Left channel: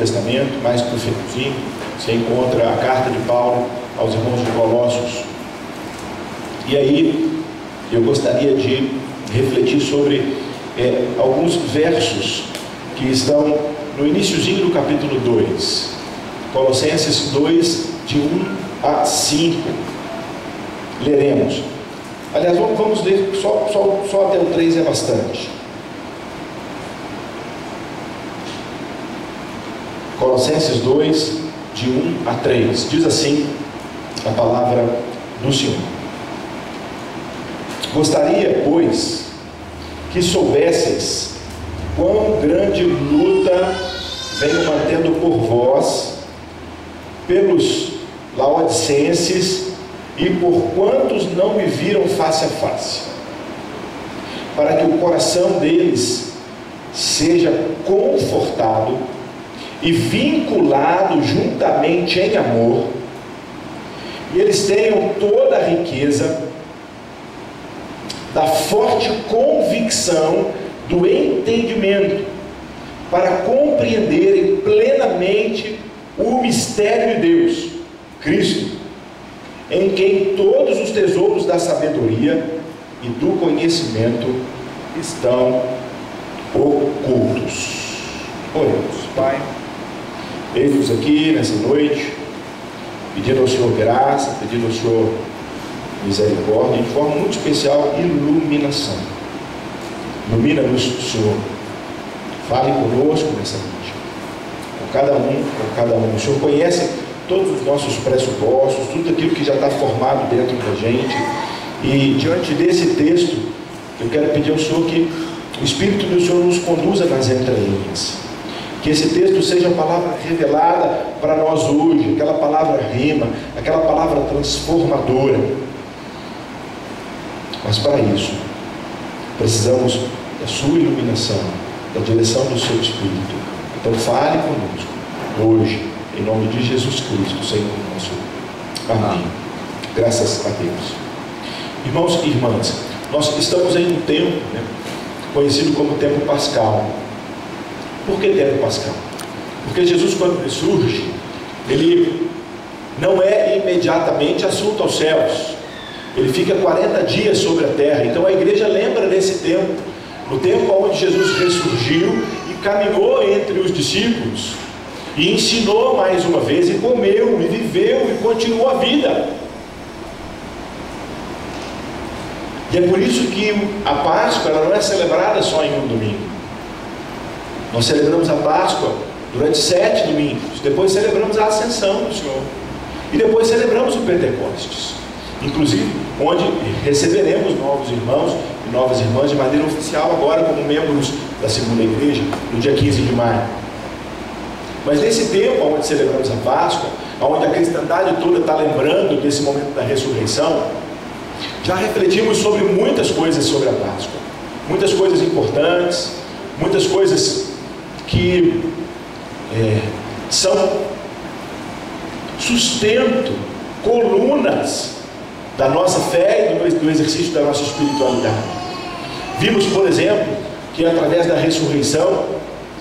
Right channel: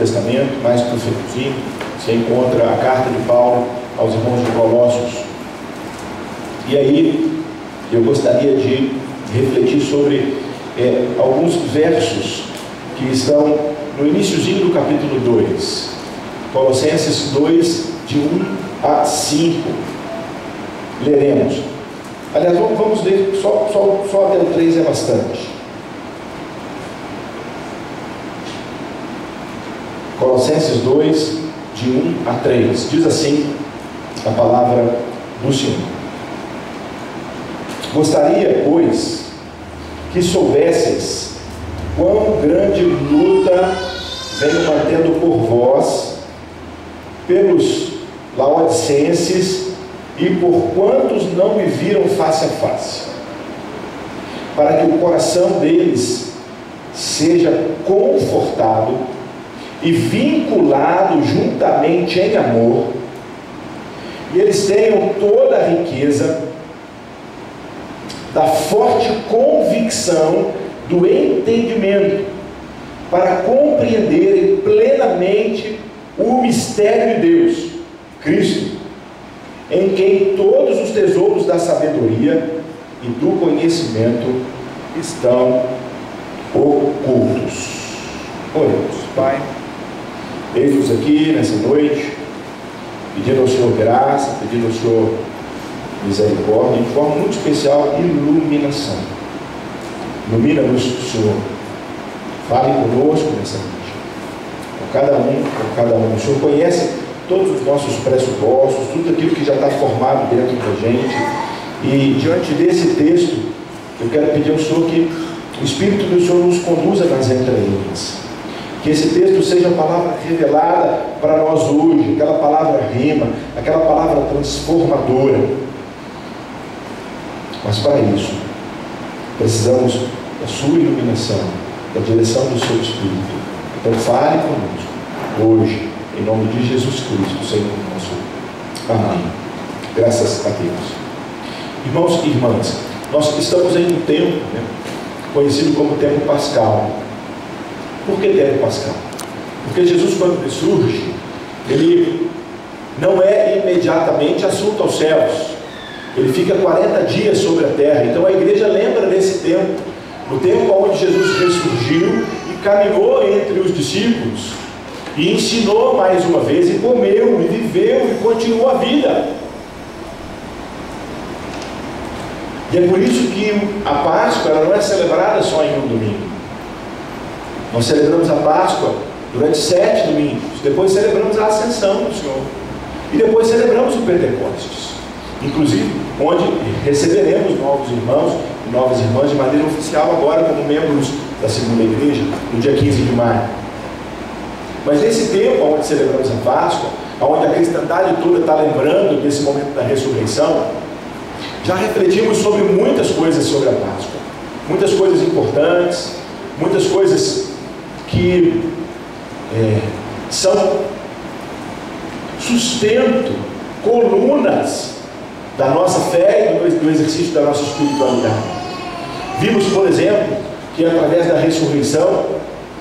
Testamento, mais para o finalzinho, você encontra a carta de Paulo aos irmãos de Colossos. E aí eu gostaria de refletir sobre alguns versos que estão no iniciozinho do capítulo 2, Colossenses 2, de 1 a 5. Leremos. Aliás, vamos ler só até o 3 é bastante. Colossenses 2, de 1 a 3. Diz assim a palavra do Senhor. Gostaria, pois, que soubesseis quão grande luta venho mantendo por vós, pelos laodicenses e por quantos não me viram face a face, para que o coração deles seja confortado e vinculado juntamente em amor, e eles tenham toda a riqueza da forte convicção do entendimento, para compreenderem plenamente o mistério de Deus, Cristo, em quem todos os tesouros da sabedoria e do conhecimento estão ocultos. Oremos. Pai, eis-nos aqui nessa noite, pedindo ao Senhor graça, pedindo ao Senhor misericórdia, de forma muito especial, iluminação. Ilumina-nos, Senhor. Fale conosco nessa noite, com cada um. O Senhor conhece todos os nossos pressupostos, tudo aquilo que já está formado dentro da gente. E diante desse texto, eu quero pedir ao Senhor que o Espírito do Senhor nos conduza nas entrelinhas. Que esse texto seja a palavra revelada para nós hoje, aquela palavra rima, aquela palavra transformadora. Mas para isso, precisamos da sua iluminação, da direção do seu Espírito. Então fale conosco, hoje, em nome de Jesus Cristo, Senhor nosso. Amém. Graças a Deus. Irmãos e irmãs, nós estamos em um tempo, conhecido como tempo pascal. Por que tempo pascal? Porque Jesus, quando ele surge, ele não é imediatamente assunto aos céus. Ele fica 40 dias sobre a terra. Então a igreja lembra desse tempo, no tempo onde Jesus ressurgiu e caminhou entre os discípulos, e ensinou mais uma vez, e comeu, e viveu, e continuou a vida. E é por isso que a Páscoa ela não é celebrada só em um domingo. Nós celebramos a Páscoa durante 7 domingos, depois celebramos a Ascensão do Senhor, e depois celebramos o Pentecostes, inclusive onde receberemos novos irmãos e novas irmãs de maneira oficial agora como membros da segunda igreja, no dia 15 de maio. Mas nesse tempo onde celebramos a Páscoa, onde a cristandade toda está lembrando desse momento da ressurreição, já refletimos sobre muitas coisas sobre a Páscoa, muitas coisas importantes, muitas coisas que são sustento, colunas da nossa fé e do exercício da nossa espiritualidade. Vimos, por exemplo, que através da ressurreição,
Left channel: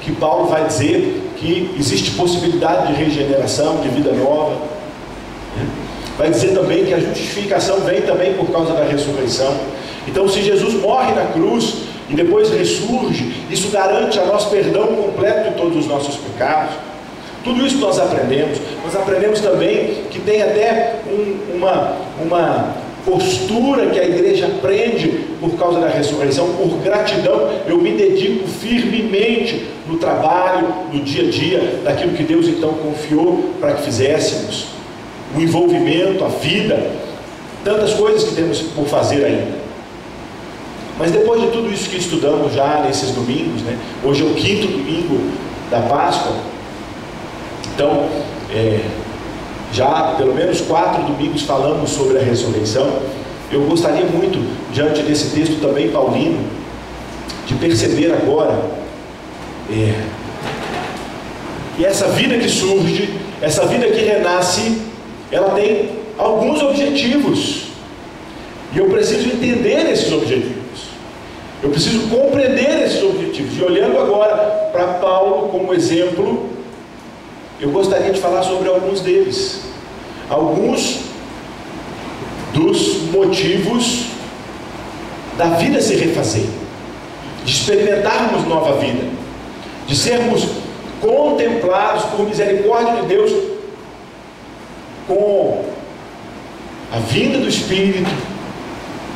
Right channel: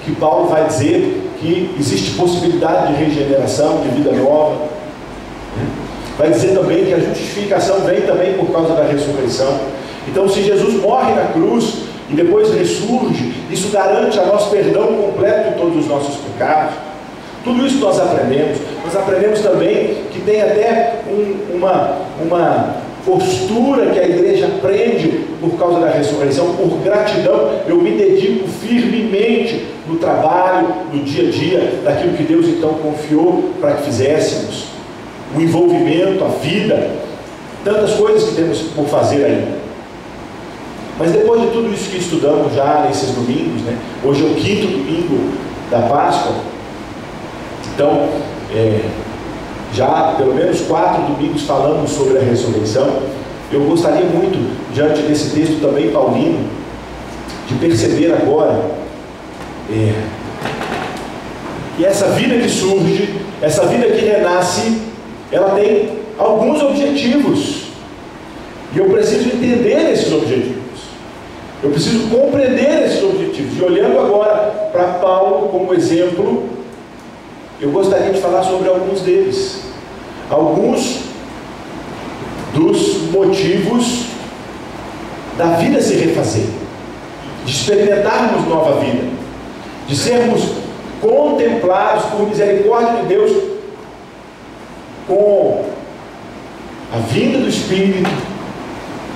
que Paulo vai dizer que existe possibilidade de regeneração, de vida nova. Vai dizer também que a justificação vem também por causa da ressurreição. Então, se Jesus morre na cruz e depois ressurge, isso garante a nós perdão completo de todos os nossos pecados. Tudo isso nós aprendemos. Nós aprendemos também que tem até uma postura que a igreja aprende por causa da ressurreição, por gratidão. Eu me dedico firmemente no trabalho, no dia a dia, daquilo que Deus então confiou para que fizéssemos. O envolvimento, a vida, tantas coisas que temos por fazer ainda. Mas depois de tudo isso que estudamos já nesses domingos, hoje é o 5º domingo da Páscoa, então já pelo menos 4 domingos falamos sobre a ressurreição. Eu gostaria muito, diante desse texto também paulino, de perceber agora que essa vida que surge, essa vida que renasce, ela tem alguns objetivos, e eu preciso entender esses objetivos, eu preciso compreender esses objetivos. E olhando agora para Paulo como exemplo, eu gostaria de falar sobre alguns deles. Alguns dos motivos da vida se refazer, de experimentarmos nova vida, de sermos contemplados por misericórdia de Deus com a vinda do Espírito,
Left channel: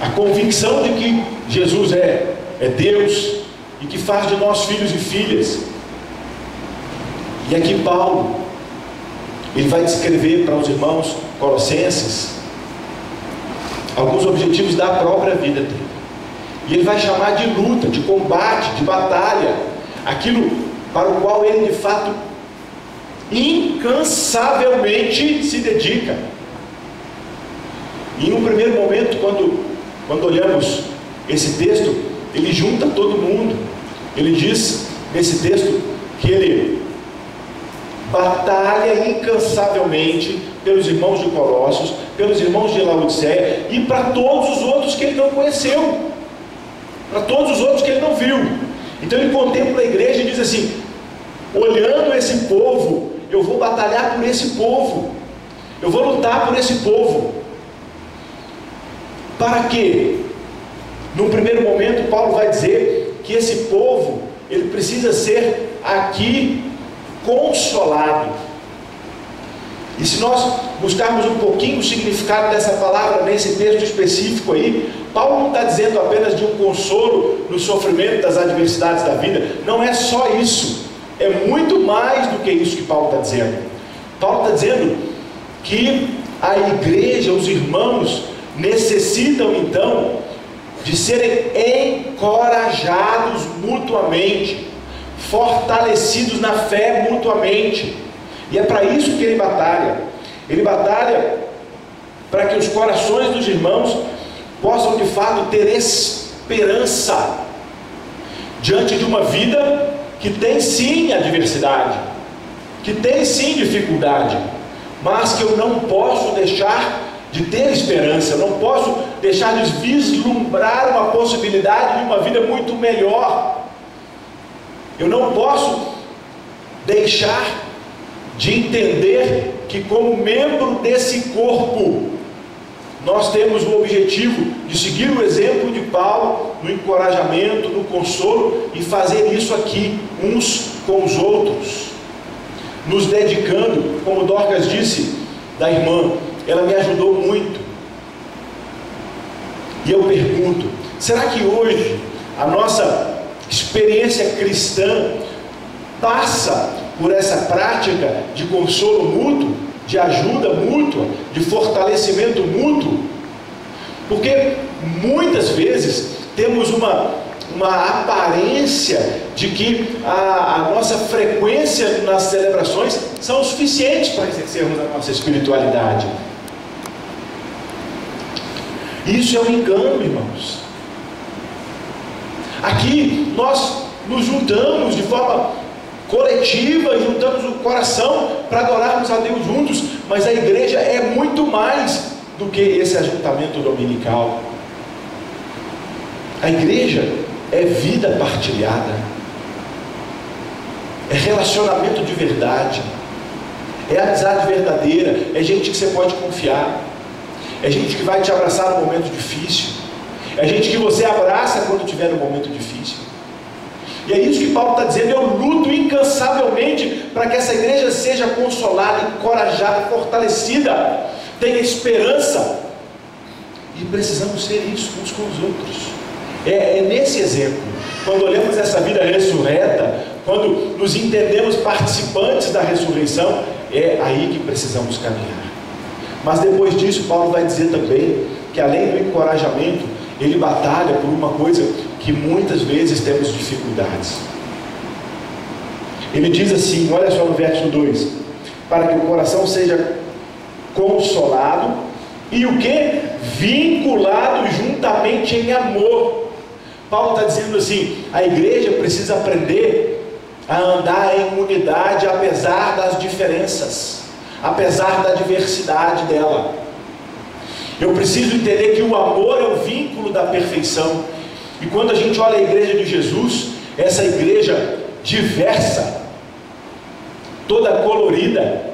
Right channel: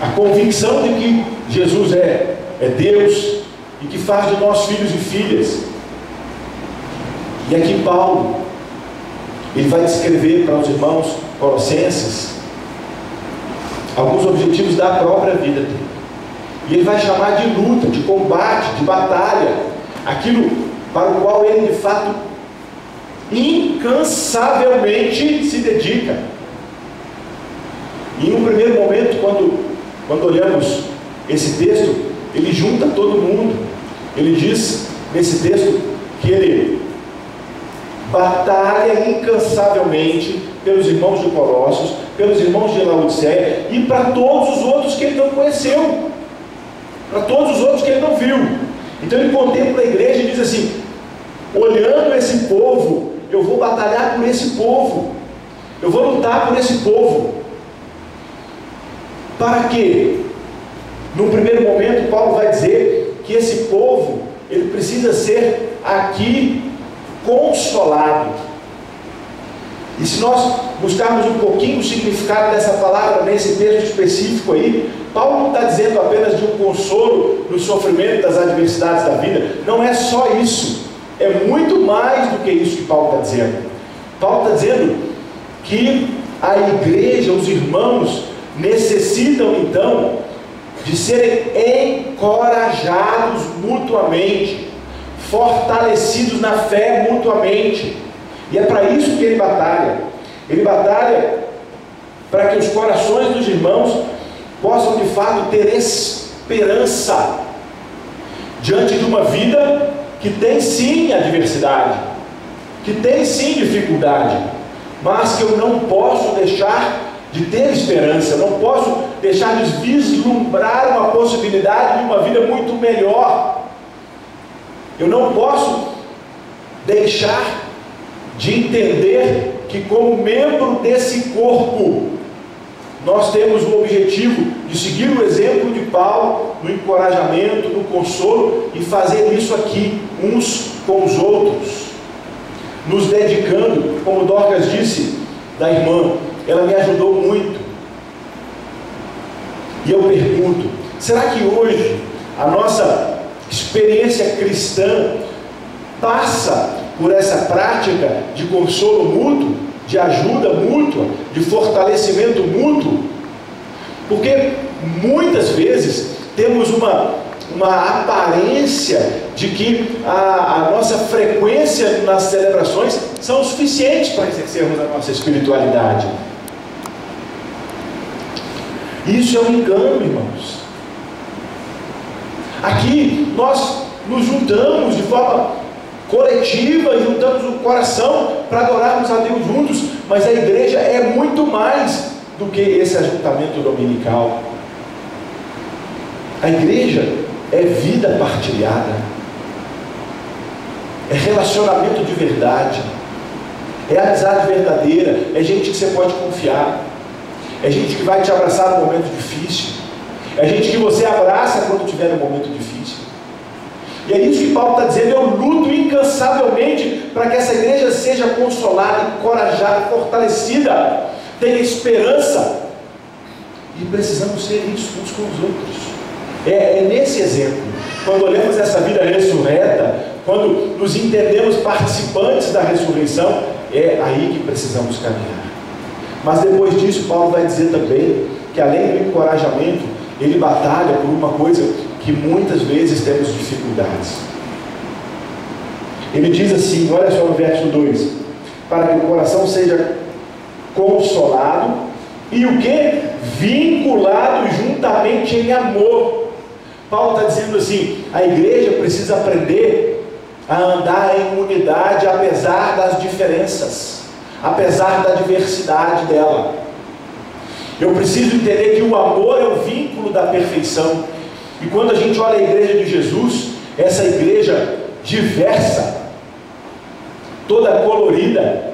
a convicção de que Jesus é Deus e que faz de nós filhos e filhas. E aqui Paulo, ele vai descrever para os irmãos colossenses alguns objetivos da própria vida dele. E ele vai chamar de luta, de combate, de batalha, aquilo para o qual ele de fato incansavelmente se dedica. E em um primeiro momento, quando olhamos esse texto, ele junta todo mundo. Ele diz nesse texto que ele batalha incansavelmente pelos irmãos de Colossos, pelos irmãos de Laodiceia e para todos os outros que ele não conheceu, para todos os outros que ele não viu. Então ele contempla a igreja e diz assim: olhando esse povo, eu vou batalhar por esse povo, eu vou lutar por esse povo. Para quê? No primeiro momento, Paulo vai dizer que esse povo, ele precisa ser aqui consolado. E se nós buscarmos um pouquinho o significado dessa palavra nesse texto específico aí, Paulo não está dizendo apenas de um consolo no sofrimento das adversidades da vida. Não é só isso, é muito mais do que isso que Paulo está dizendo. Paulo está dizendo que a igreja, os irmãos, necessitam então de serem encorajados mutuamente, fortalecidos na fé mutuamente. E é para isso que ele batalha. Ele batalha para que os corações dos irmãos possam de fato ter esperança diante de uma vida que tem sim adversidade, que tem sim dificuldade, mas que eu não posso deixar de ter esperança, eu não posso deixar de vislumbrar uma possibilidade de uma vida muito melhor. Eu não posso deixar de entender que, como membro desse corpo, nós temos o objetivo de seguir o exemplo de Paulo no encorajamento, no consolo, e fazer isso aqui uns com os outros, nos dedicando. Como Dorcas disse da irmã, ela me ajudou muito. E eu pergunto, será que hoje a nossa experiência cristã passa por essa prática de consolo mútuo, de ajuda mútua, de fortalecimento mútuo? Porque muitas vezes temos uma aparência de que a nossa frequência nas celebrações são suficientes para exercermos a nossa espiritualidade. Isso é um engano, irmãos. Aqui nós nos juntamos de forma coletiva, juntamos o coração para adorarmos a Deus juntos, mas a igreja é muito mais do que esse ajuntamento dominical. A igreja é vida partilhada, é relacionamento de verdade, é amizade verdadeira, é gente que você pode confiar, é gente que vai te abraçar no momento difícil, é gente que você abraça quando tiver um momento difícil. E é isso que Paulo está dizendo: eu luto incansavelmente para que essa igreja seja consolada, encorajada, fortalecida, tenha esperança. E precisamos ser isso uns com os outros. É nesse exemplo, quando olhamos essa vida ressurreta, quando nos entendemos participantes da ressurreição, é aí que precisamos caminhar. Mas depois disso, Paulo vai dizer também que, além do encorajamento, ele batalha por uma coisa que muitas vezes temos dificuldades. Ele diz assim, olha só no verso 2: para que o coração seja consolado e o que? Vinculado juntamente em amor. Paulo está dizendo assim: a igreja precisa aprender a andar em unidade apesar das diferenças, apesar da diversidade dela. Eu preciso entender que o amor é o vínculo da perfeição. E quando a gente olha a igreja de Jesus, essa igreja diversa, toda colorida.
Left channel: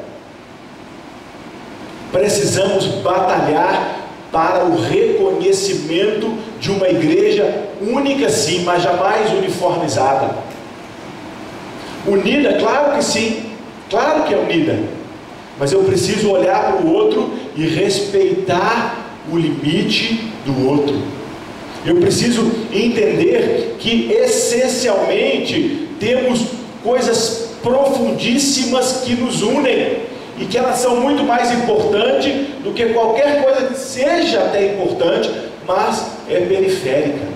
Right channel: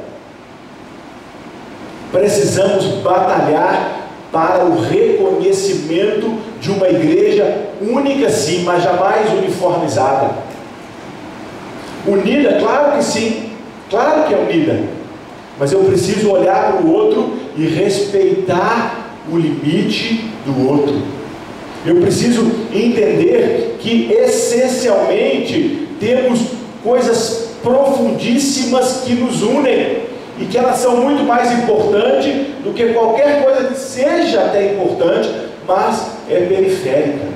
Precisamos batalhar para o reconhecimento de uma igreja única, sim, mas jamais uniformizada. Unida, claro que sim, claro que é unida, mas eu preciso olhar para o outro e respeitar o limite do outro. Eu preciso entender que essencialmente temos coisas profundíssimas que nos unem e que elas são muito mais importantes do que qualquer coisa que seja até importante, mas é periférica.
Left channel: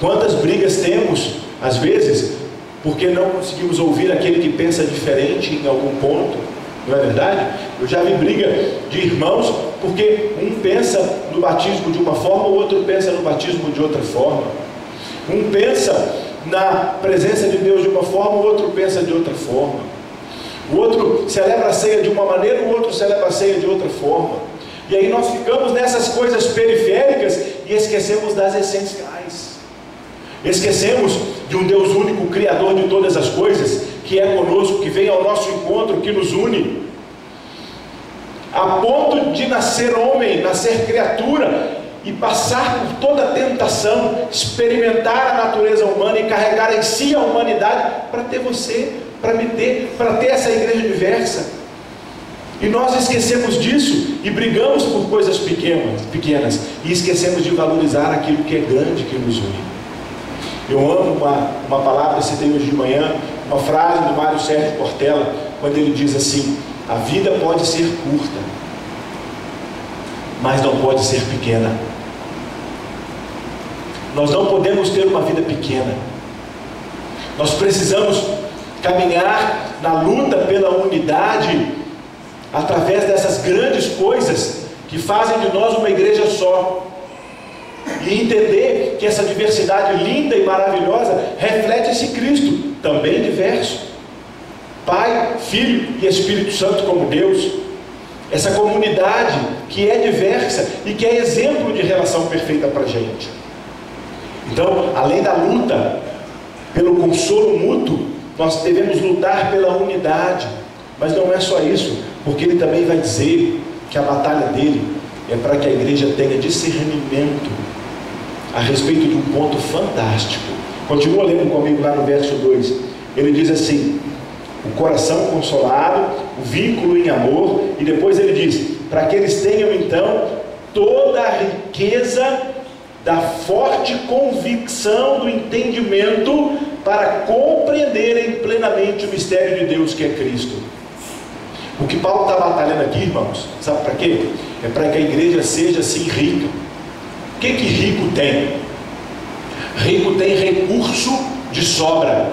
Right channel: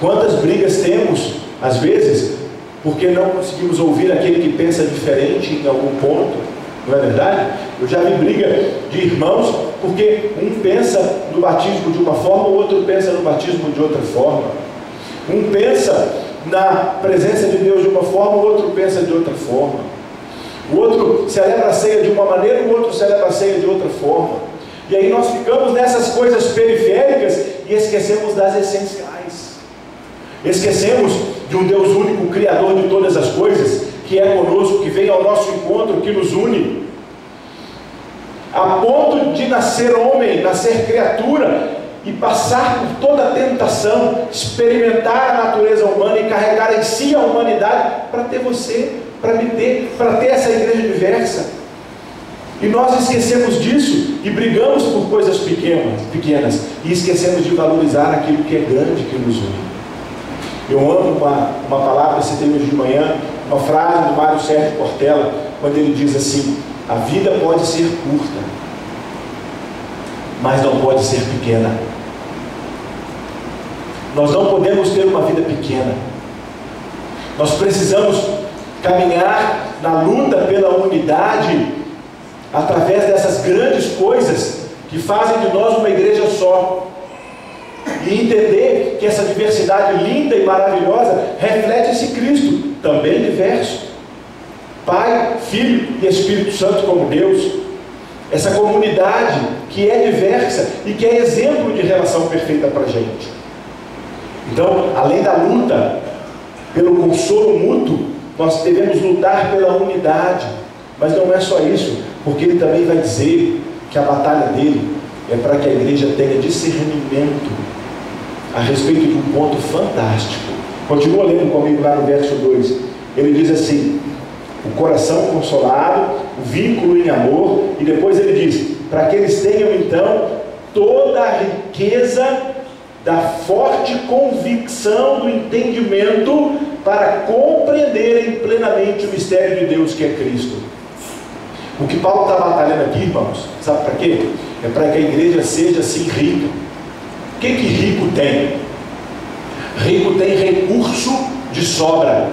Quantas brigas temos, às vezes, porque não conseguimos ouvir aquele que pensa diferente em algum ponto, não é verdade? Eu já vi briga de irmãos porque um pensa no batismo de uma forma, o outro pensa no batismo de outra forma. Um pensa na presença de Deus de uma forma, o outro pensa de outra forma. O outro celebra a ceia de uma maneira, o outro celebra a ceia de outra forma. E aí nós ficamos nessas coisas periféricas e esquecemos das essenciais. Esquecemos de um Deus único, Criador de todas as coisas, que é conosco, que vem ao nosso encontro, que nos une. A ponto de nascer homem, nascer criatura e passar por toda a tentação, experimentar a natureza humana e carregar em si a humanidade para ter você, para me ter, para ter essa igreja diversa. E nós esquecemos disso e brigamos por coisas pequenas e esquecemos de valorizar aquilo que é grande, que nos une. Eu amo uma palavra, citei hoje de manhã, uma frase do Mário Sérgio Cortella, quando ele diz assim: a vida pode ser curta, mas não pode ser pequena. Nós não podemos ter uma vida pequena. Nós precisamos caminhar na luta pela unidade, através dessas grandes coisas que fazem de nós uma igreja só, e entender que essa diversidade linda e maravilhosa reflete esse Cristo, também diverso, Pai, Filho e Espírito Santo como Deus. Essa comunidade que é diversa e que é exemplo de relação perfeita para a gente. Então, além da luta pelo consolo mútuo, nós devemos lutar pela unidade. Mas não é só isso, porque ele também vai dizer que a batalha dele é para que a igreja tenha discernimento a respeito de um ponto fantástico. Continua lendo comigo lá no verso 2. Ele diz assim: o coração consolado, o vínculo em amor, e depois ele diz, para que eles tenham então toda a riqueza da forte convicção do entendimento, para compreenderem plenamente o mistério de Deus que é Cristo. O que Paulo está batalhando aqui, irmãos, sabe para quê? É para que a igreja seja assim rica. O que rico tem? Rico tem recurso de sobra.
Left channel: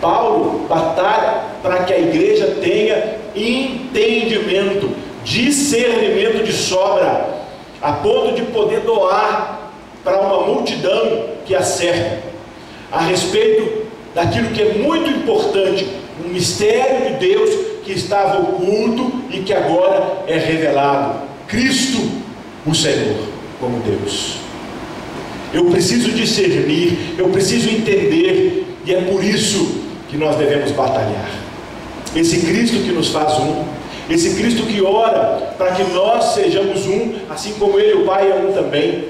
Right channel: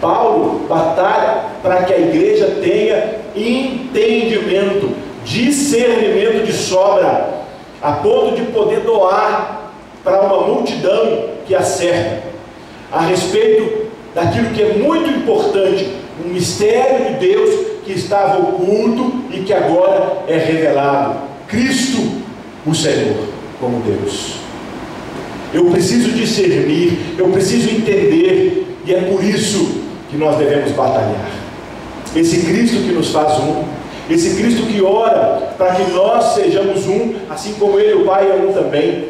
Paulo batalha para que a igreja tenha entendimento, discernimento de sobra, a ponto de poder doar para uma multidão que a cerca, a respeito daquilo que é muito importante, um mistério de Deus que estava oculto e que agora é revelado, Cristo, o Senhor, como Deus. Eu preciso discernir, eu preciso entender, e é por isso que nós devemos batalhar. Esse Cristo que nos faz um, esse Cristo que ora para que nós sejamos um, assim como Ele, o Pai, é um também.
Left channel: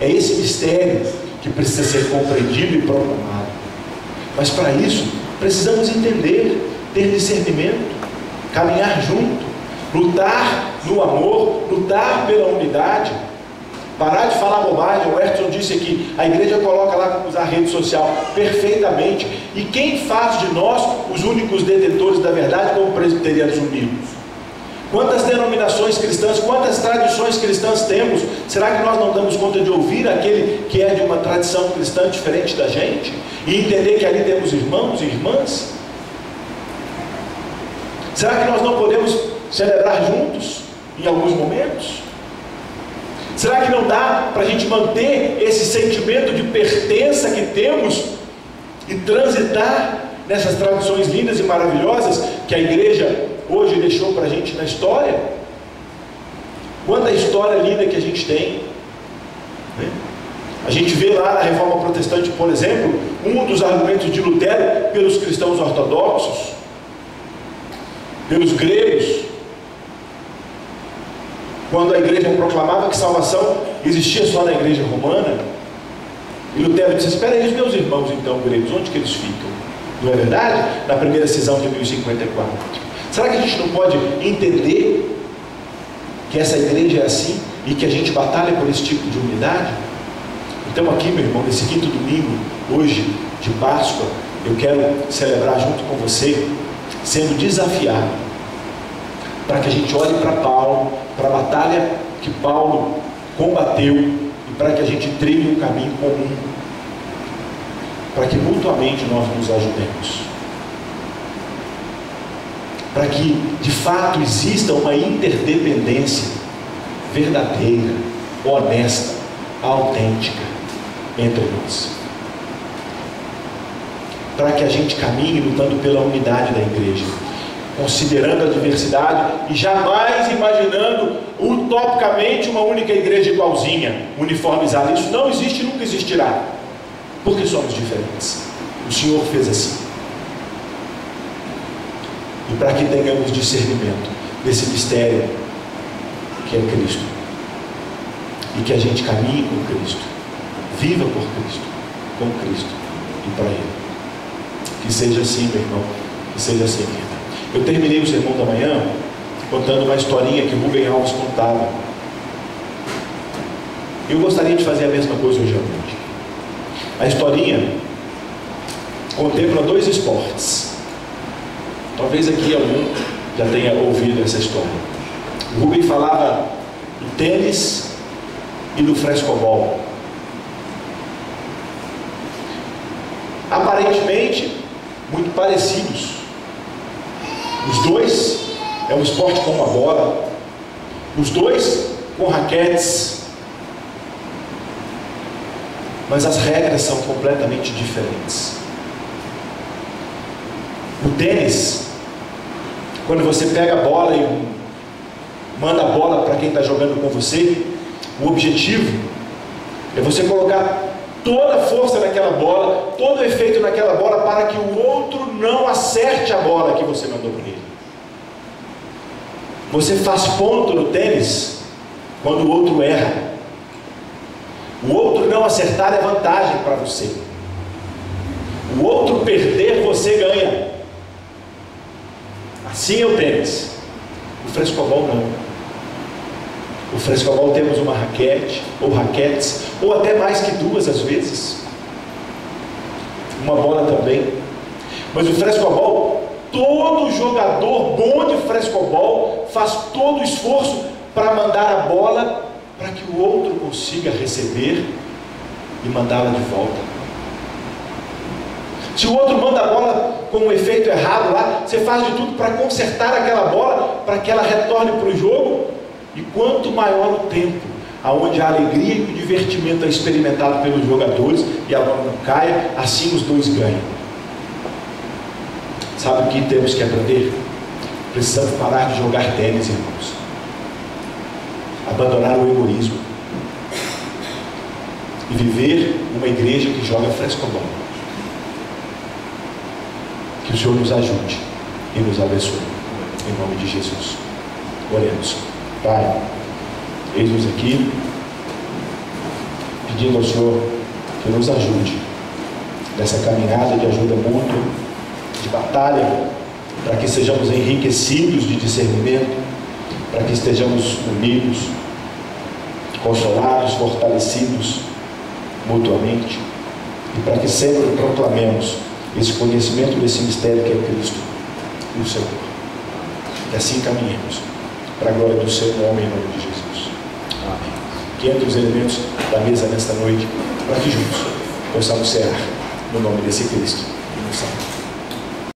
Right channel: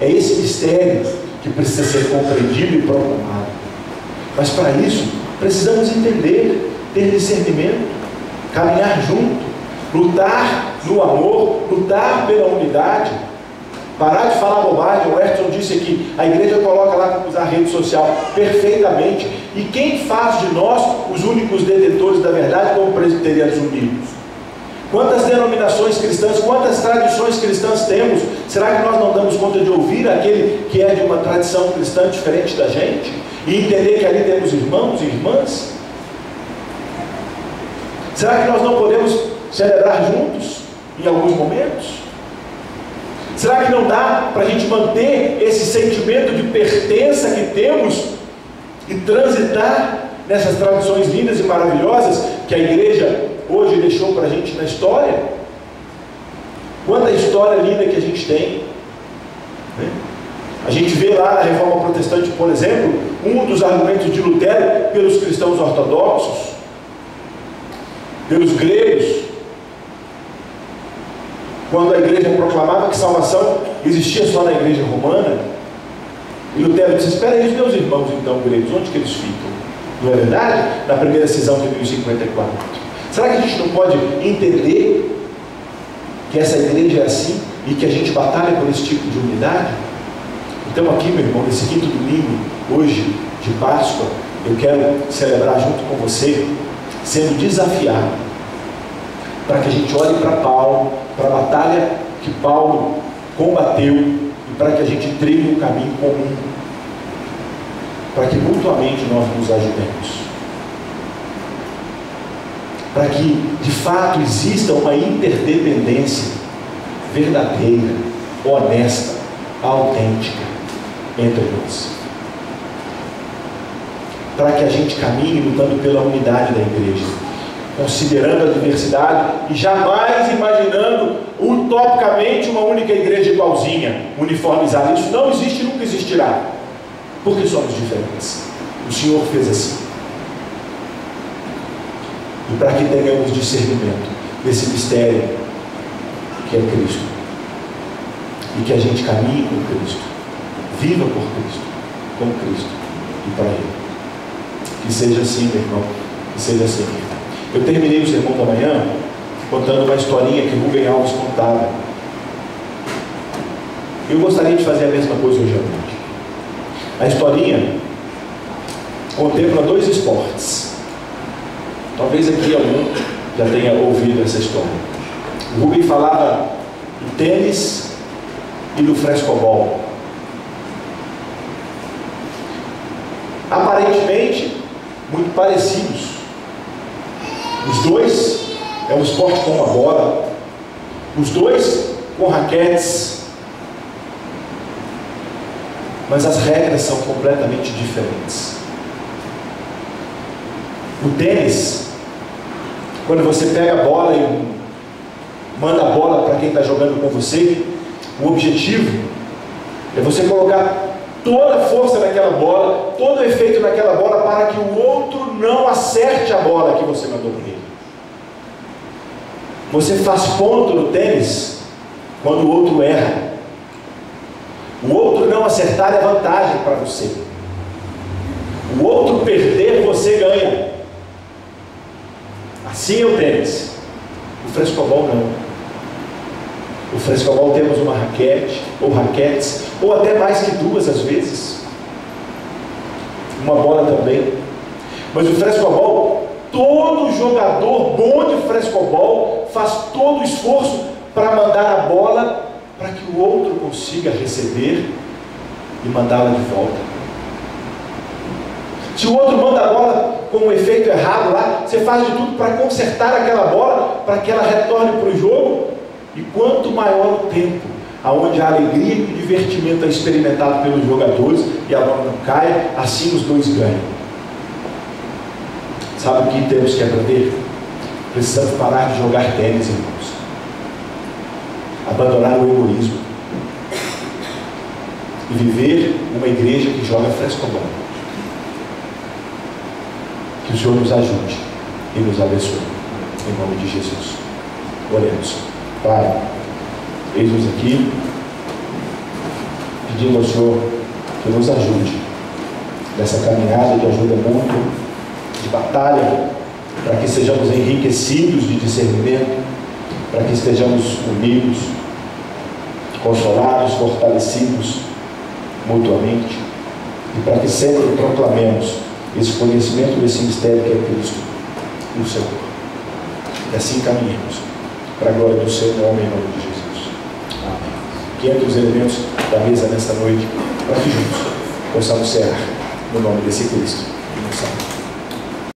É esse mistério que precisa ser compreendido e proclamado. Mas para isso, precisamos entender, ter discernimento, caminhar junto, lutar no amor, lutar pela unidade, parar de falar bobagem. O Edson disse aqui, a igreja coloca lá como usar a rede social perfeitamente, e quem faz de nós os únicos detentores da verdade como presbiterianos unidos? Quantas denominações cristãs, quantas tradições cristãs temos? Será que nós não damos conta de ouvir aquele que é de uma tradição cristã diferente da gente? E entender que ali temos irmãos e irmãs? Será que nós não podemos celebrar juntos em alguns momentos? Será que não dá para a gente manter esse sentimento de pertença que temos e transitar nessas tradições lindas e maravilhosas que a igreja hoje deixou para a gente na história? Quanta história linda que a gente tem, né? A gente vê lá na Reforma Protestante, por exemplo, um dos argumentos de Lutero pelos cristãos ortodoxos, pelos gregos, quando a igreja proclamava que salvação existia só na igreja romana. E Lutero disse: espera aí, os meus irmãos então gregos, onde que eles ficam? Não é verdade? Na primeira cisão de 1054. Será que a gente não pode entender que essa igreja é assim e que a gente batalha por esse tipo de unidade? Então aqui, meu irmão, nesse quinto domingo, hoje de Páscoa, eu quero celebrar junto com você, sendo desafiado, para que a gente olhe para Paulo, para a batalha que Paulo combateu, e para que a gente trilhe um caminho comum, para que mutuamente nós nos ajudemos, para que de fato exista uma interdependência verdadeira, honesta, autêntica entre nós, para que a gente caminhe lutando pela unidade da igreja, considerando a diversidade e jamais imaginando utopicamente uma única igreja igualzinha, uniformizada. Isso não existe e nunca existirá, porque somos diferentes. O Senhor fez assim. E para que tenhamos discernimento desse mistério que é Cristo, e que a gente caminhe com Cristo, viva por Cristo, com Cristo e para Ele. Que seja assim, meu irmão, que seja assim, minha irmã. Eu terminei o sermão da manhã contando uma historinha que Rubem Alves contava. Eu gostaria de fazer a mesma coisa hoje à noite. A historinha contempla dois esportes. Talvez aqui algum já tenha ouvido essa história. O Rubem falava do tênis e do frescobol. Aparentemente muito parecidos. Os dois é um esporte com uma bola, os dois com raquetes, mas as regras são completamente diferentes. O tênis, quando você pega a bola e manda a bola para quem está jogando com você, o objetivo é você colocar toda a força naquela bola, todo o efeito naquela bola, para que o outro não acerte a bola que você mandou para ele. Você faz ponto no tênis quando o outro erra. O outro não acertar é vantagem para você. O outro perder, você ganha. Assim é o tênis. O frescobol não. O frescobol temos uma raquete, ou raquetes, ou até mais que duas às vezes. Uma bola também. Mas o frescobol, todo jogador bom de frescobol faz todo o esforço para mandar a bola para que o outro consiga receber e mandá-la de volta. Se o outro manda a bola com um efeito errado lá, você faz de tudo para consertar aquela bola, para que ela retorne para o jogo. E quanto maior o tempo aonde a alegria e o divertimento é experimentado pelos jogadores e a bola não caia, assim os dois ganham. Sabe o que temos que aprender? Precisamos parar de jogar tênis, irmãos. Abandonar o egoísmo e viver uma igreja que joga frescobol. Que o Senhor nos ajude e nos abençoe, em nome de Jesus. Oremos. Pai, eis-nos aqui, pedindo ao Senhor que nos ajude nessa caminhada de ajuda mútua, de batalha, para que sejamos enriquecidos de discernimento, para que estejamos unidos, consolados, fortalecidos mutuamente, e para que sempre proclamemos esse conhecimento desse mistério que é Cristo, o Senhor. E assim caminhemos para a glória do seu nome, em nome de Jesus. Amém. Que entre os elementos da mesa nesta noite, para que juntos possamos cear no nome desse Cristo e no Santo.